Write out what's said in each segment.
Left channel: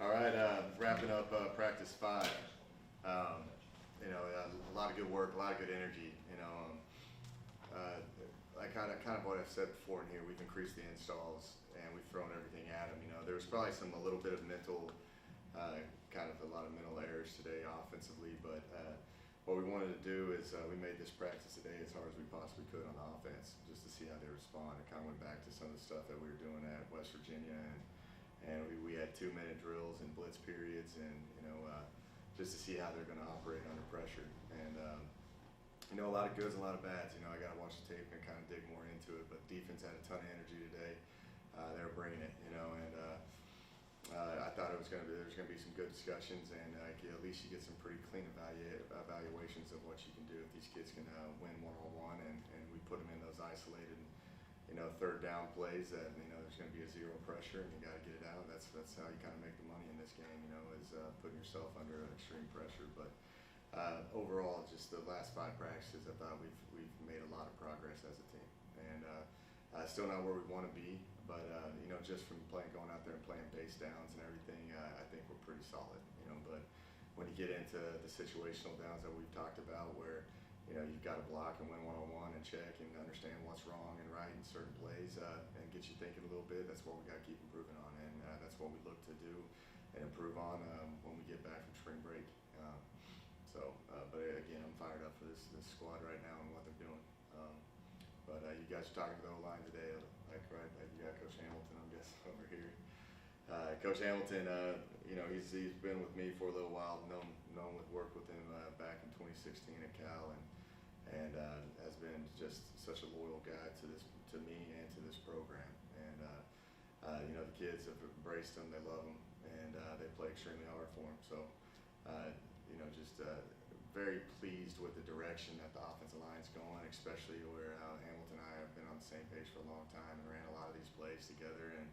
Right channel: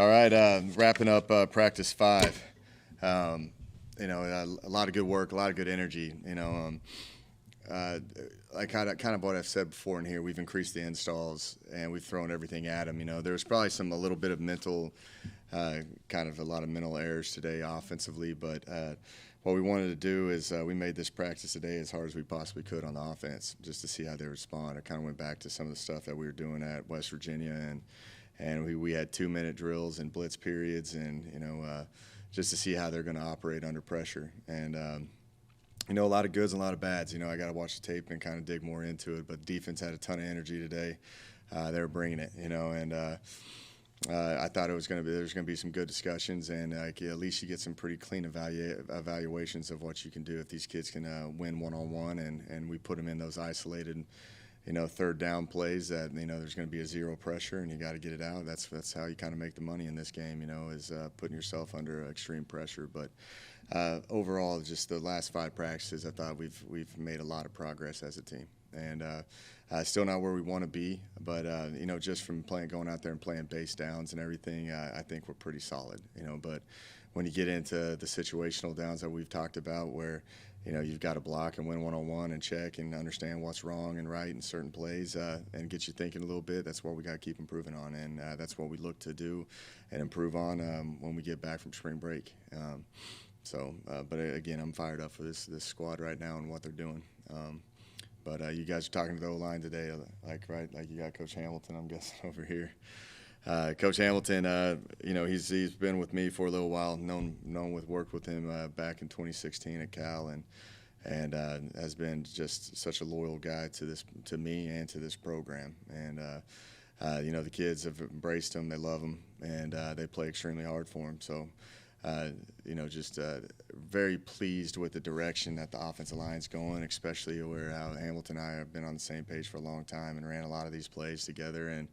All right, wrapping up practice 5. A lot of good work, a lot of good energy. Like kind of what I've said before in here, we've increased the installs and we've thrown everything at them. There was probably a little bit of mental, kind of a lot of mental errors today offensively, but what we wanted to do is we made this practice today as hard as we possibly could on the offense, just to see how they respond. I kind of went back to some of the stuff that we were doing at West Virginia, and we had 2-minute drills and blitz periods, and just to see how they're going to operate under pressure. And a lot of goods and a lot of bads. I got to watch the tape and kind of dig more into it. But defense had a ton of energy today. They were bringing it, and I thought there's going to be some good discussions, and at least you get some pretty clean evaluations of what you can do if these kids can win one-on-one, and we put them in those isolated, third down plays that there's going to be a zero pressure and you got to get it out. That's how you kind of make the money in this game, is putting yourself under extreme pressure. But overall, just the last 5 practices, I thought we've made a lot of progress as a team, and still not where we want to be, but just from going out there and playing base downs and everything, I think we're pretty solid. But when you get into the situational downs that we've talked about, where you've got to block and win one-on-one and check and understand what's wrong and right in certain plays, and get you thinking a little bit. That's what we got to keep improving on, and that's what we look to do and improve on when we get back from spring break. But again, I'm fired up for this squad right now and what they're doing. But you guys are talking to the O-line today, like you got Coach Hamilton, I'm guessing, over here. Coach Hamilton, he's been with me for a little while, worked with him back in 2016 at Cal, and has been just such a loyal guy to me and to this program. And the kids have embraced him, they love him, and they play extremely hard for him. So just very pleased with the direction that the offensive line's going, especially where Hamilton and I have been on the same page for a long time and ran a lot of these plays together, and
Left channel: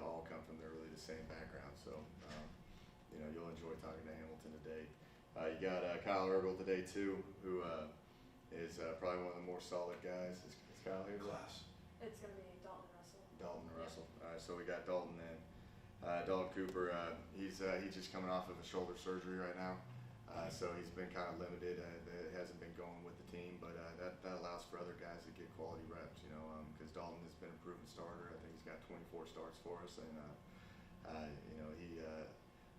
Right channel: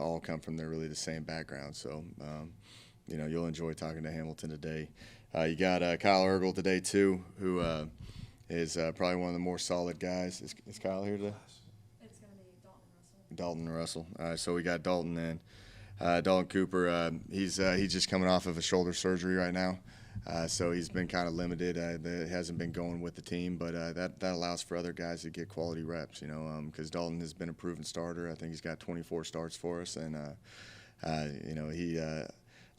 all come from the same background. So, you'll enjoy talking to Hamilton today. You got Kyle Ergel today, too, who is probably one of the more solid guys. Is Kyle here today? It's going to be Dalton Dalton Russell. All right, so we got Dalton then. Dalton Cooper, he's just coming off of a shoulder surgery right now. So he's been kind of limited. It hasn't been going with the team, but that allows for other guys to get quality reps, because Dalton has been a proven starter. I think he's got 24 starts for us, and he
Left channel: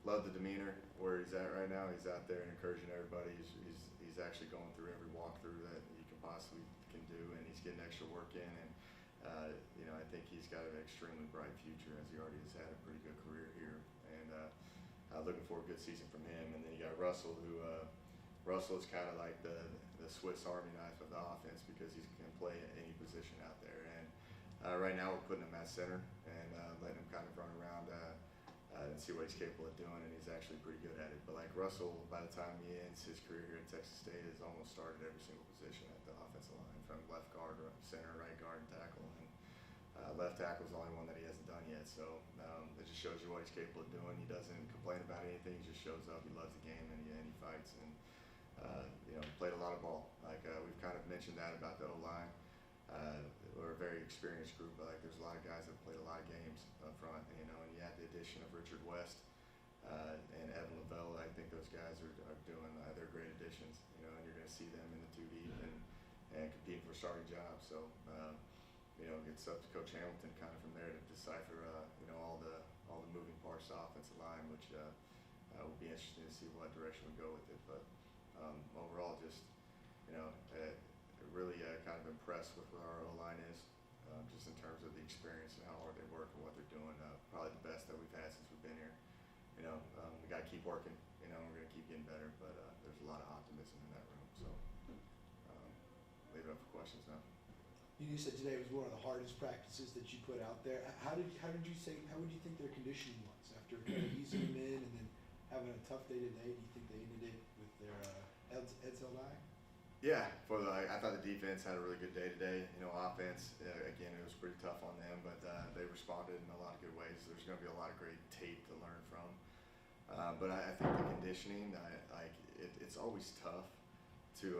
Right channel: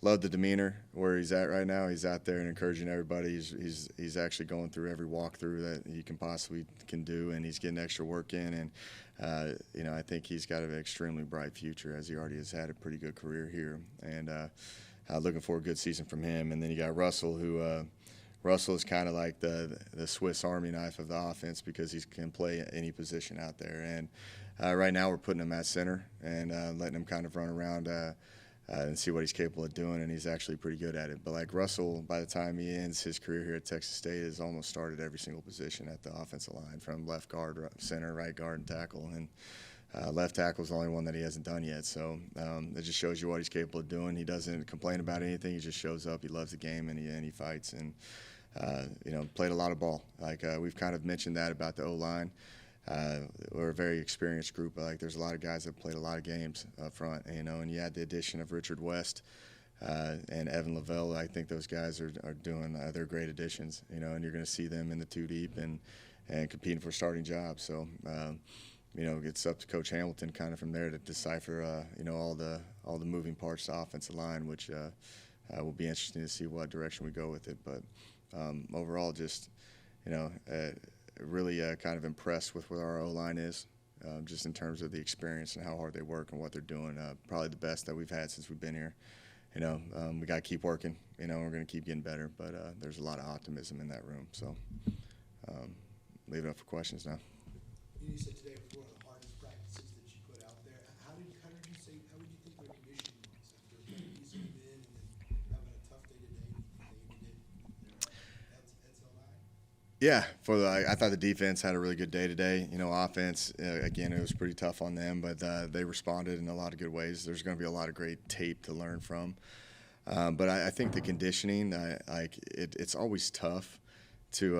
loved the demeanor where he's at right now. He's out there and encouraging everybody. He's actually going through every walkthrough that he can do, and he's getting extra work in. And I think he's got an extremely bright future, as he already has had a pretty good career here. And looking for a good season from him. And then you got Russell, who Russell is kind of like the Swiss Army knife of the offense, because he can play any position out there. And right now we're putting him at center and letting him kind of run around and see what he's capable of doing, and he's actually pretty good at it. But like Russell, by the time he ends his career here at Texas State, has almost started every single position at the offensive line, from left guard, center, right guard, and tackle. And left tackle is the only one that he hasn't done yet. So it just shows you what he's capable of doing. He doesn't complain about anything. He just shows up. He loves the game, and he fights. And played a lot of ball. We've kind of mentioned that about the O-line. We're a very experienced group. There's a lot of guys that played a lot of games up front, and you had the addition of Richard West and Evan Lavelle. I think those guys are doing they're great additions, and you're going to see them in the 2 deep and competing for starting jobs. So it's up to Coach Hamilton kind of from there to decipher all the moving parts of the offensive line, which will be interesting to see what direction we go with it. But overall, just really kind of impressed with what our O-line is, just in terms of the experience and how hard they work and what they're doing. Probably the best that we've had since we've been here. We got to keep working. We're going to keep getting better, but there's a lot of optimism in that room. So leave it up for questions now. You said today was one of the hardest practices that you put out there. How would you think their conditioning was after kind of easing them in and then having a tough day today? Do you think they ended it with their heads held high? Yeah, I thought the defense had a really good day today. Offense, again, it was pretty tough on them, but they responded in a lot of good ways. There's going to be a lot of great tape to learn from. But I think the conditioning, it's always tough to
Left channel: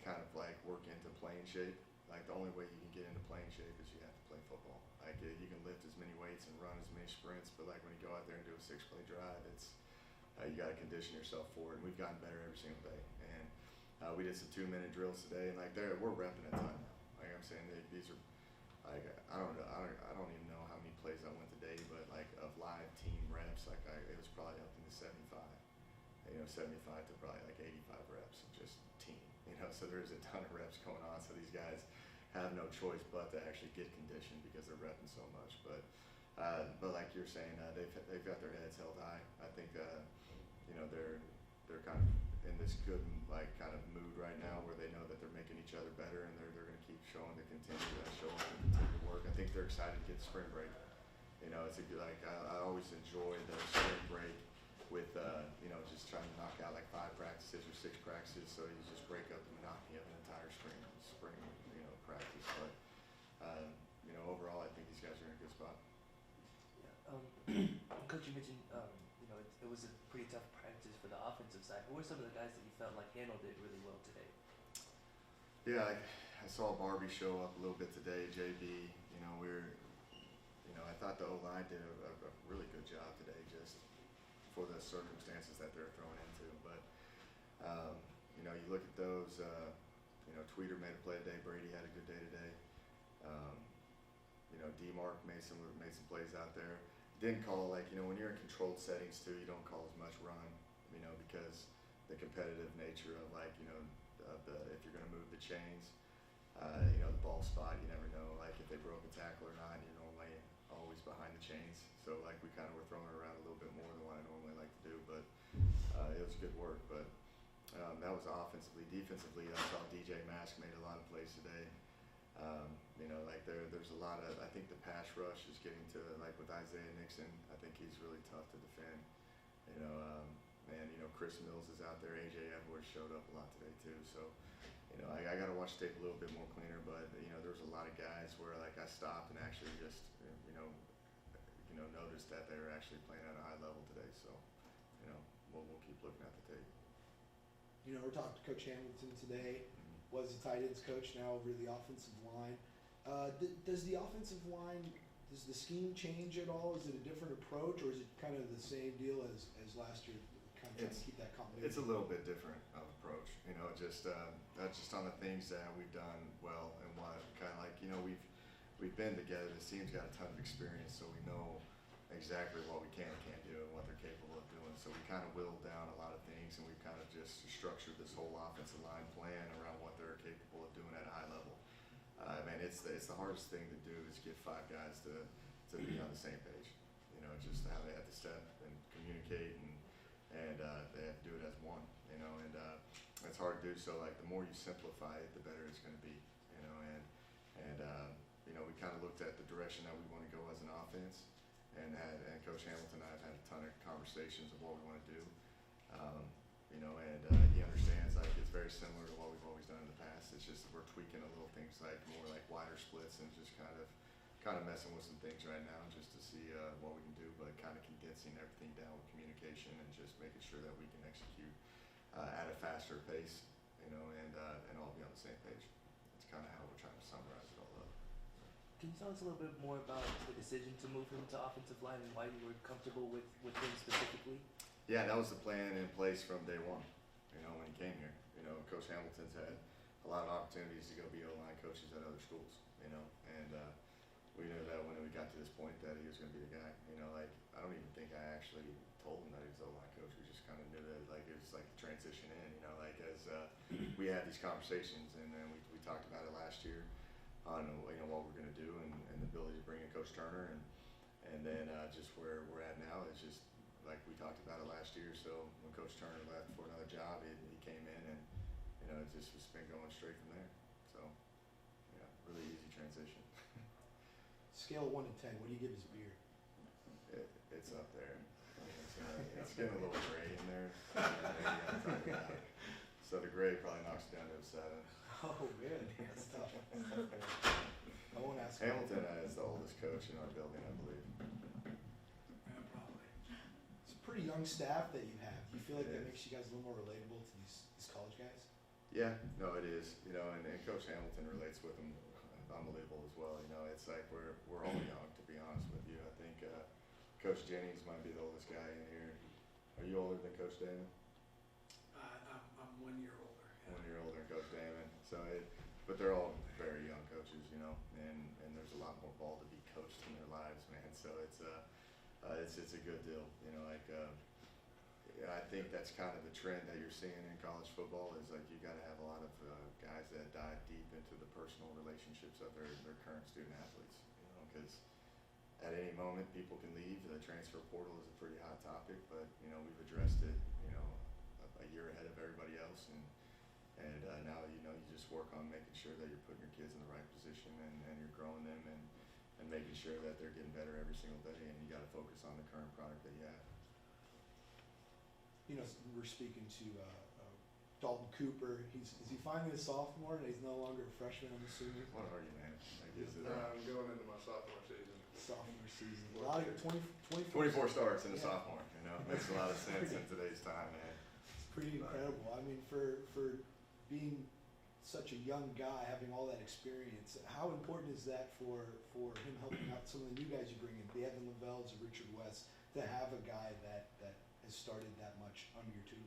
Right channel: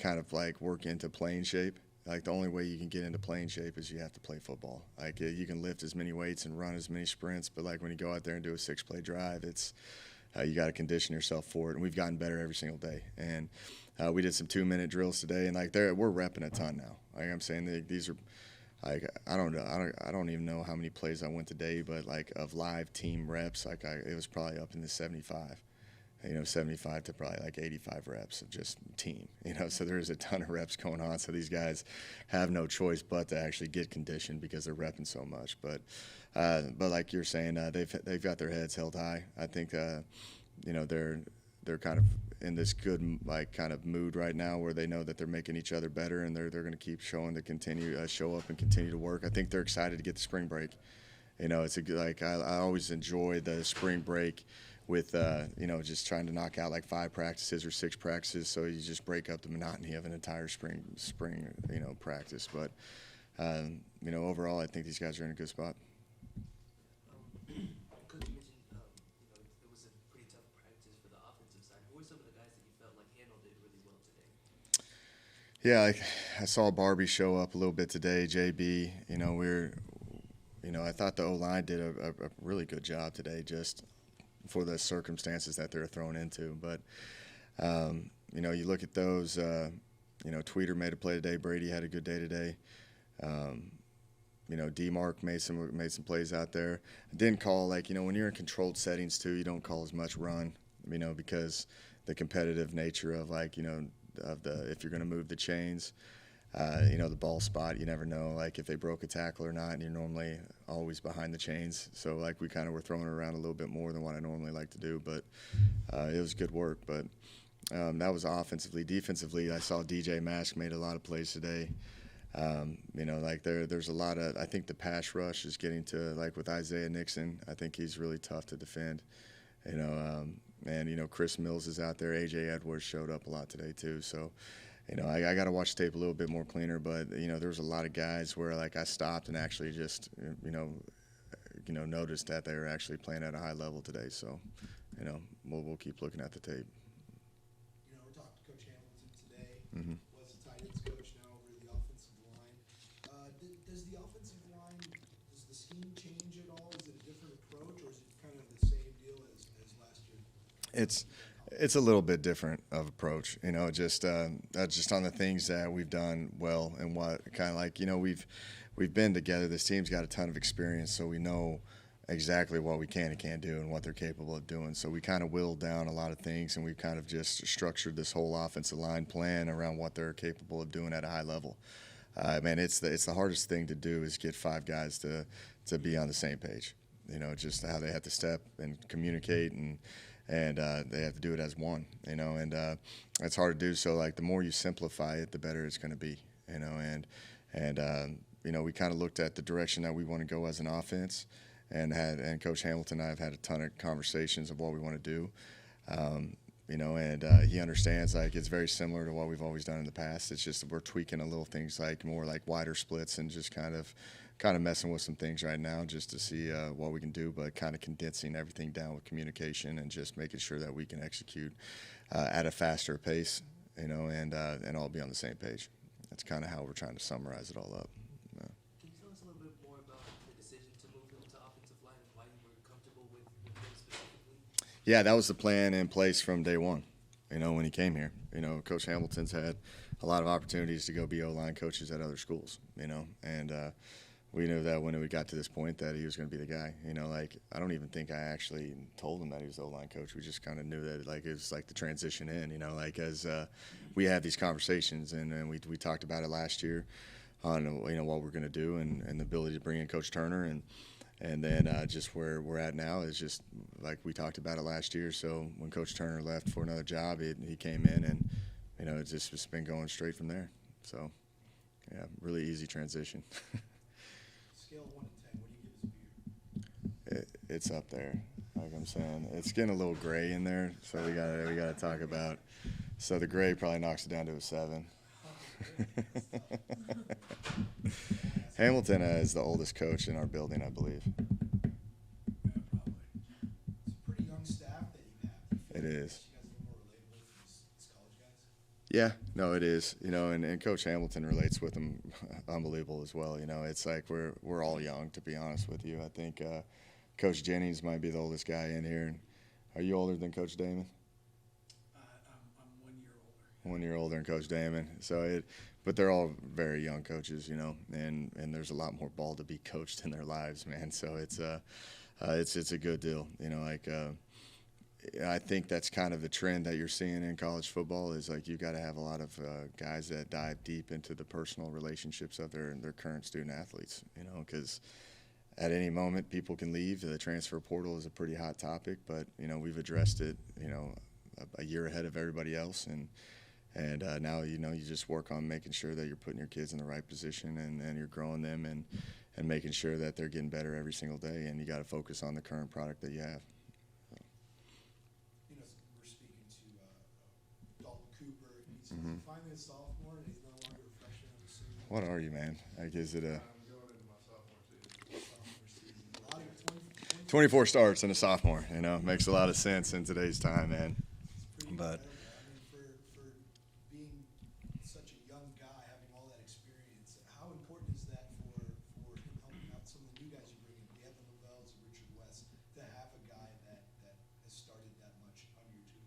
kind of work into playing shape. Like the only way you can get into playing shape is you have to play football. Like you can lift as many weights and run as many sprints, but like when you go out there and do a 6-play drive, it's you got to condition yourself for it. And we've gotten better every single day. And we did some 2-minute drills today, and like we're repping a ton now. Like I'm saying, these are like I don't even know how many plays I went today, but like of live team reps, like it was probably up in the 75. 75 to probably like 85 reps of just team, so there's a ton of reps going on. So these guys have no choice but to actually get conditioned because they're repping so much. But like you're saying, they've got their heads held high. I think, they're kind of in this good like kind of mood right now where they know that they're making each other better, and they're going to keep showing to continue show up and continue to work. I think they're excited to get the spring break. It's I always enjoy the spring break with just trying to knock out like 5 practices or 6 practices, so you just break up the monotony of an entire spring practice. But overall, I think these guys are in a good spot. Coach, you mentioned it was a pretty tough practice for the offensive side. Who were some of the guys that you felt like handled it really well today? Yeah, I saw Barbie show up a little bit today. JB, I thought the O-line did a really good job today, just for the circumstances that they're thrown into. But, you look at those, Tweeter made a play today. Brady had a good day today. D-Mark made some plays out there. Didn't call, when you're in controlled settings too, you don't call as much run, because the competitive nature of if you're going to move the chains, the ball spot, you never know, if they broke a tackle or not, and you're normally always behind the chains. So, we kind of were throwing it around a little bit more than what I normally like to do, but it was good work. But that was offensively. Defensively, I saw DJ Mask made a lot of plays today. There's a lot of, I think the pass rush is getting to, with Isaiah Nixon, I think he's really tough to defend. Chris Mills is out there. A.J. Edwards showed up a lot today too. So, I got to watch the tape a little bit more cleaner, but, there was a lot of guys where, I stopped and actually just, noticed that they were actually playing at a high level today. So, we'll keep looking at the tape. We talked to Coach Hamilton today, Mm-hmm. was the tight ends coach, now over the offensive line. Does the offensive line, does the scheme change at all? Is it a different approach, or is it kind of the same deal as last year? It's a little bit different of approach, just on the things that we've done well, and what kind of we've been together. This team's got a ton of experience, so we know exactly what we can and can't do and what they're capable of doing. So we kind of whittled down a lot of things, and we've kind of just structured this whole offensive line plan around what they're capable of doing at a high level. It's the hardest thing to do is get 5 guys to be on the same page. Just how they have to step and communicate, and they have to do it as one. And it's hard to do. So the more you simplify it, the better it's going to be. We kind of looked at the direction that we want to go as an offense. And Coach Hamilton and I have had a ton of conversations of what we want to do, he understands it's very similar to what we've always done in the past. It's just we're tweaking a little things more wider splits, and just kind of messing with some things right now just to see what we can do, but kind of condensing everything down with communication and just making sure that we can execute at a faster pace, and all be on the same page. That's kind of how we're trying to summarize it all up. Can you tell us a little bit more about the decision to move him to offensive line and why you were comfortable with him specifically? Yeah, that was the plan in place from day one, when he came here. Coach Hamilton's had a lot of opportunities to go be O-line coaches at other schools, and we knew that when we got to this point that he was going to be the guy. I don't even think I actually told him that he was the O-line coach. We just kind of knew that it was the transition in, as we had these conversations, and then we talked about it last year on what we're going to do, and the ability to bring in Coach Turner, and then just where we're at now is just like we talked about it last year. So when Coach Turner left for another job, he came in, and it's just been going straight from there. So yeah, really easy transition. Scale of 1 to 10, what do you give his beard? It's up there. Like I'm saying, it's getting a little gray in there, so we got to talk about. So the gray probably knocks it down to a 7. Oh, really? That's tough. I won't ask Hamilton is the oldest coach in our building, I believe. Yeah, probably. It's a pretty young staff that you have. Do you feel It like it is. makes you guys a little more relatable to these college guys? Yeah, no, it is. And Coach Hamilton relates with them unbelievable as well. It's like we're all young, to be honest with you. I think Coach Jennings might be the oldest guy in here. Are you older than Coach Damon? I'm 1 year older. 1 year older than Coach Damon. But they're all very young coaches, and there's a lot more ball to be coached in their lives, man. So it's a good deal, I think that's kind of the trend that you're seeing in college football is like you've got to have a lot of guys that dive deep into the personal relationships of their current student athletes, because at any moment people can leave. The transfer portal is a pretty hot topic, but we've addressed it, a year ahead of everybody else, and now you just work on making sure that you're putting your kids in the right position and you're growing them and making sure that they're getting better every single day, and you got to focus on the current product that you have. We're speaking to Dalton Cooper. Is he finally a sophomore and he's no longer a freshman, I'm assuming? What are you, man? Like, is it I'm going into my sophomore season. Sophomore season. A lot of 24 starts in a sophomore? Makes a lot of sense in today's time, man. It's pretty incredible. I mean, for being such a young guy, having all that experience, how important is that for him helping out some of the new guys you bring in, the Evan Lavells or Richard West, to have a guy that has started that much under your tutelage?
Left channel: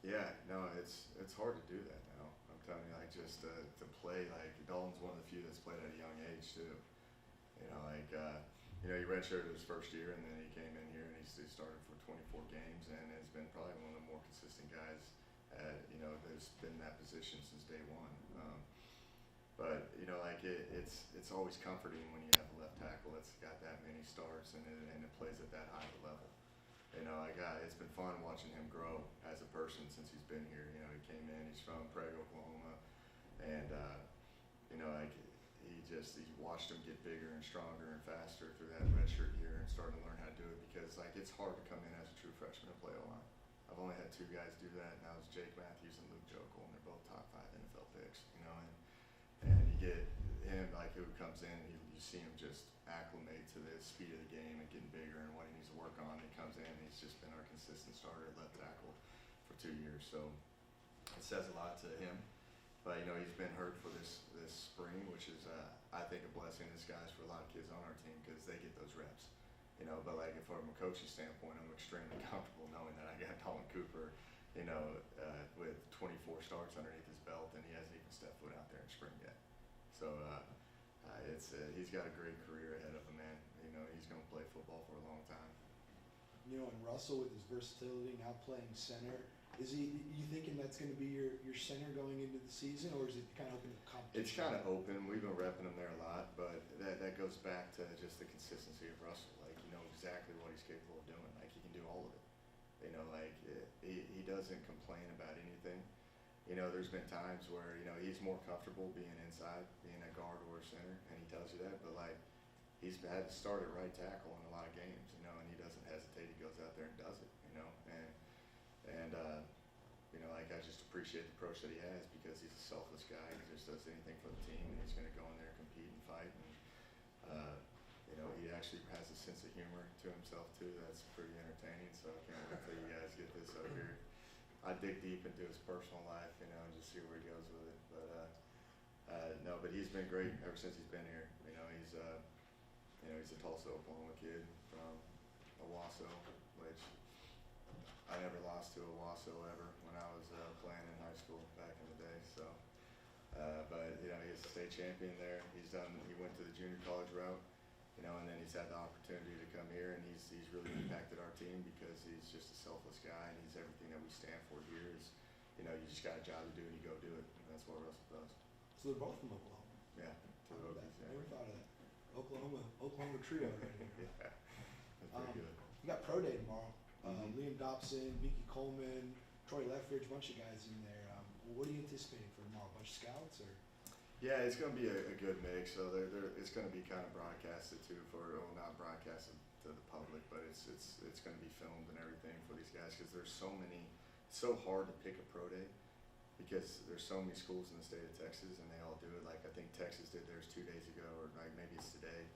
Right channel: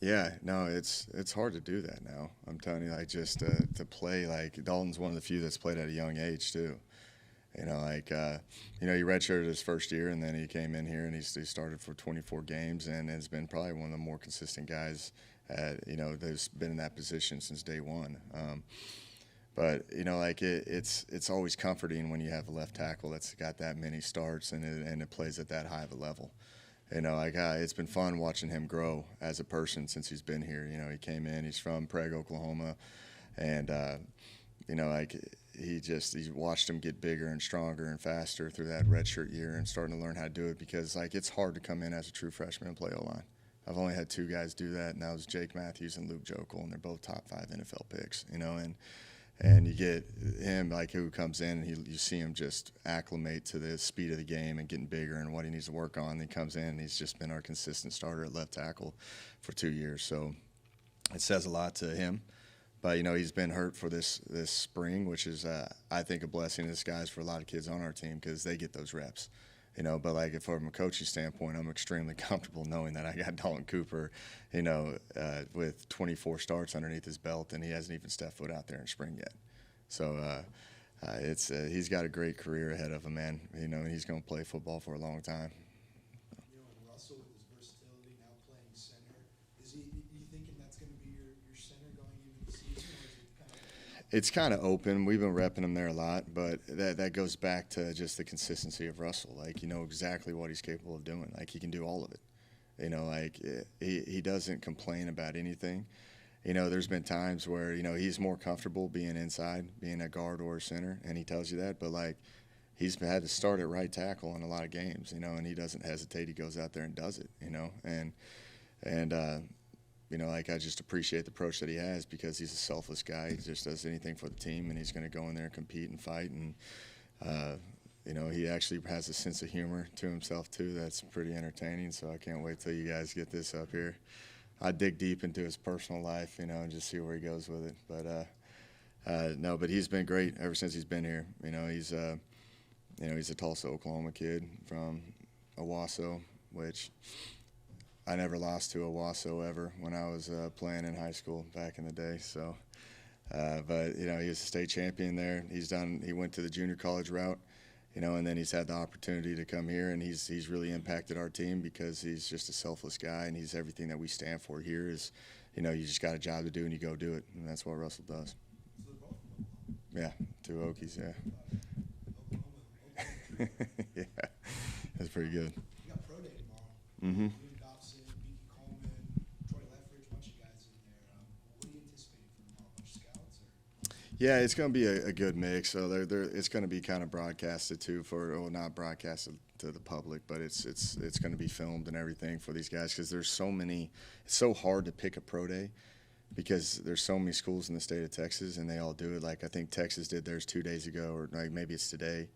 Yeah, no, it's hard to do that now. I'm telling you, like, just to play, like, Dalton's one of the few that's played at a young age too. He redshirted his first year, and then he came in here and he started for 24 games and has been probably one of the more consistent guys that's been in that position since day one. But it's always comforting when you have a left tackle that's got that many starts and it plays at that high of a level. It's been fun watching him grow as a person since he's been here. He came in, he's from Prague, Oklahoma, and he watched him get bigger and stronger and faster through that redshirt year and starting to learn how to do it because it's hard to come in as a true freshman and play O-line. I've only had two guys do that, and that was Jake Matthews and Luke Jokel, and they're both top 5 NFL picks, and you get him who comes in and you see him just acclimate to the speed of the game and getting bigger and what he needs to work on. And he comes in and he's just been our consistent starter at left tackle for 2 years. So it says a lot to him. But he's been hurt for this spring, which is I think a blessing in disguise for a lot of kids on our team because they get those reps. But from a coaching standpoint, I'm extremely comfortable knowing that I got Dalton Cooper, with 24 starts underneath his belt, and he hasn't even stepped foot out there in spring yet. So he's got a great career ahead of him, man. And he's going to play football for a long time. And Russell with his versatility, now playing center, you thinking that's going to be your center going into the season, or is it kind of open? It's kind of open. We've been repping him there a lot, but that goes back to just the consistency of Russell. Exactly what he's capable of doing. He can do all of it. He doesn't complain about anything. There's been times where, he's more comfortable being inside, being a guard or a center, and he tells you that. But, he's had to start at right tackle in a lot of games, and he doesn't hesitate. He goes out there and does it, I just appreciate the approach that he has because he's a selfless guy. He just does anything for the team, and he's going to go in there and compete and fight. And, he actually has a sense of humor to himself, too. That's pretty entertaining, so I can't wait till you guys get this up here. I dig deep into his personal life, and just see where he goes with it. But he's been great ever since he's been here. He's a Tulsa, Oklahoma kid from Owasso, which I never lost to Owasso ever when I was playing in high school back in the day. So, but he was a state champion there. He went to the junior college route, and then he's had the opportunity to come here, and he's really impacted our team because he's just a selfless guy, and he's everything that we stand for here. Is you just got a job to do and you go do it, and that's what Russell does. So they're both from Oklahoma. Yeah, 2 Okies. Yeah. Oklahoma trio. Yeah, that's pretty good. You got pro day tomorrow. Mm-hmm. Liam Dobson, Mickey Coleman, Troy Leffridge, a bunch of guys in there. What are you anticipating for tomorrow? A bunch of scouts, or? Yeah, it's going to be a good mix. So it's going to be kind of broadcasted too not broadcasted to the public, but it's going to be filmed and everything for these guys because there's so many. It's so hard to pick a pro day because there's so many schools in the state of Texas and they all do it. I think Texas did theirs 2 days ago, or maybe it's today.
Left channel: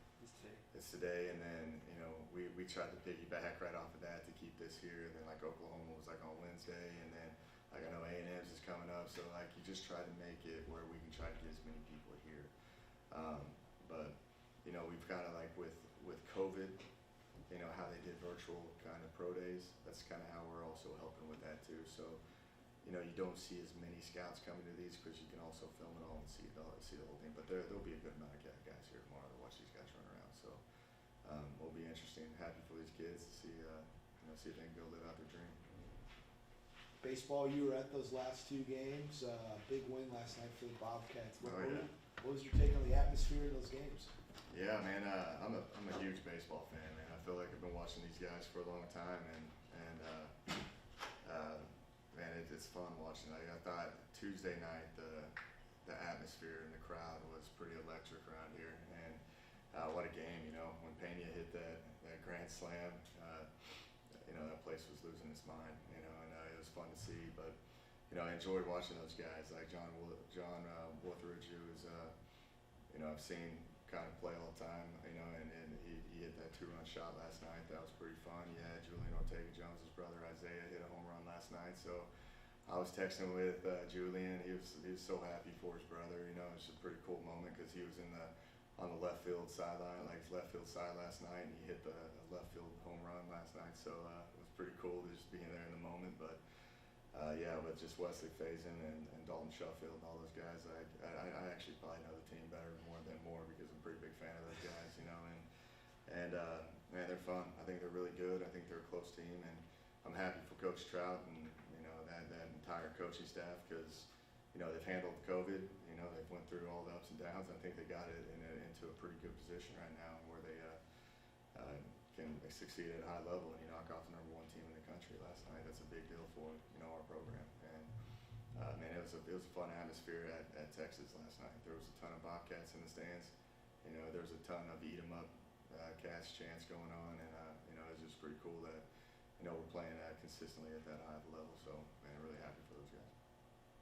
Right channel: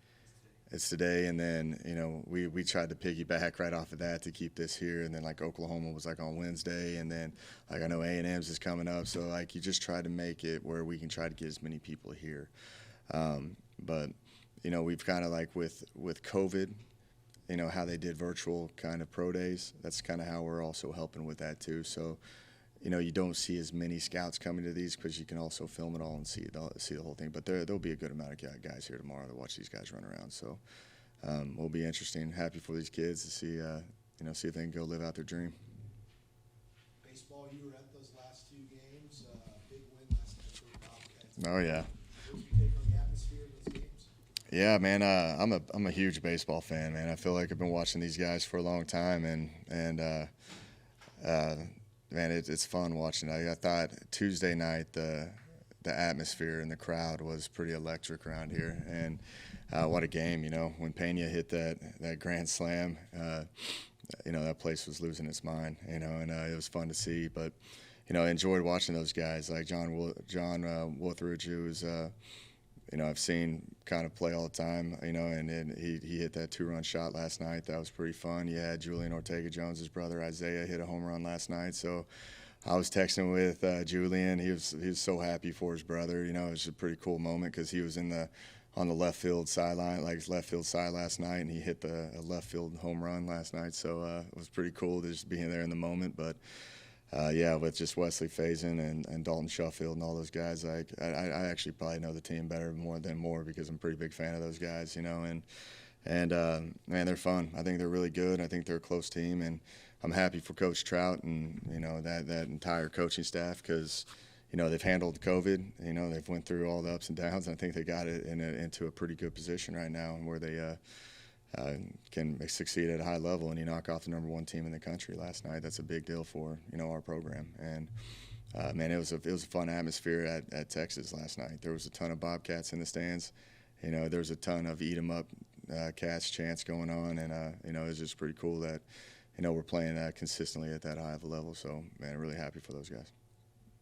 it's today, and then we tried to piggyback right off of that to keep this here, and then like Oklahoma was like on Wednesday, and then like I know A&M's is coming up, so like you just try to make it where we can try to get as many people here. But we've kind of like with COVID, how they did virtual kind of pro days. That's kind of how we're also helping with that too. So you don't see as many scouts coming to these because you can also film it all and see the whole thing. But there'll be a good amount of guys here tomorrow to watch these guys run around. So it'll be interesting. Happy for these kids to see see if they can go live out their dream. Baseball, you were at those last two games. Big win last night for the Bobcats. Oh yeah. What was your take on the atmosphere in those games? Yeah, man. I'm a huge baseball fan, man. I feel like I've been watching these guys for a long time, and man, it's fun watching. I thought Tuesday night the atmosphere and the crowd was pretty electric around here, and what a game! When Pena hit that grand slam, that place was losing its mind. And it was fun to see. But I enjoyed watching those guys like John Wotheridge, who's I've seen kind of play all the time. And he hit that 2-run shot last night. That was pretty fun. Yeah, Julian Ortega-Jones' brother Isaiah hit a home run last night. So I was texting with Julian. He was so happy for his brother. It was a pretty cool moment because he was on the left field sideline, like his left field side last night, and he hit a left field home run last night. So it was pretty cool to just being there in the moment. But yeah, with just Wesley Faison and Dalton Shuffield and all those guys, I actually probably know the team better than more because I'm a pretty big fan of those guys, and man, they're fun. I think they're really good. I think they're a close team, and I'm happy for Coach Trout and that entire coaching staff because they've handled COVID. They've went through all the ups and downs, and I think they got it into a pretty good position right now, where they can succeed at a high level, and you knock off the #1 team in the country last night. That's a big deal for our program. And man, it was a fun atmosphere at Texas last night. There was a ton of Bobcats in the stands. There was a ton of eat 'em up Cats chants going on, and it was just pretty cool that we're playing consistently at that high of a level. So man, I'm really happy for those guys.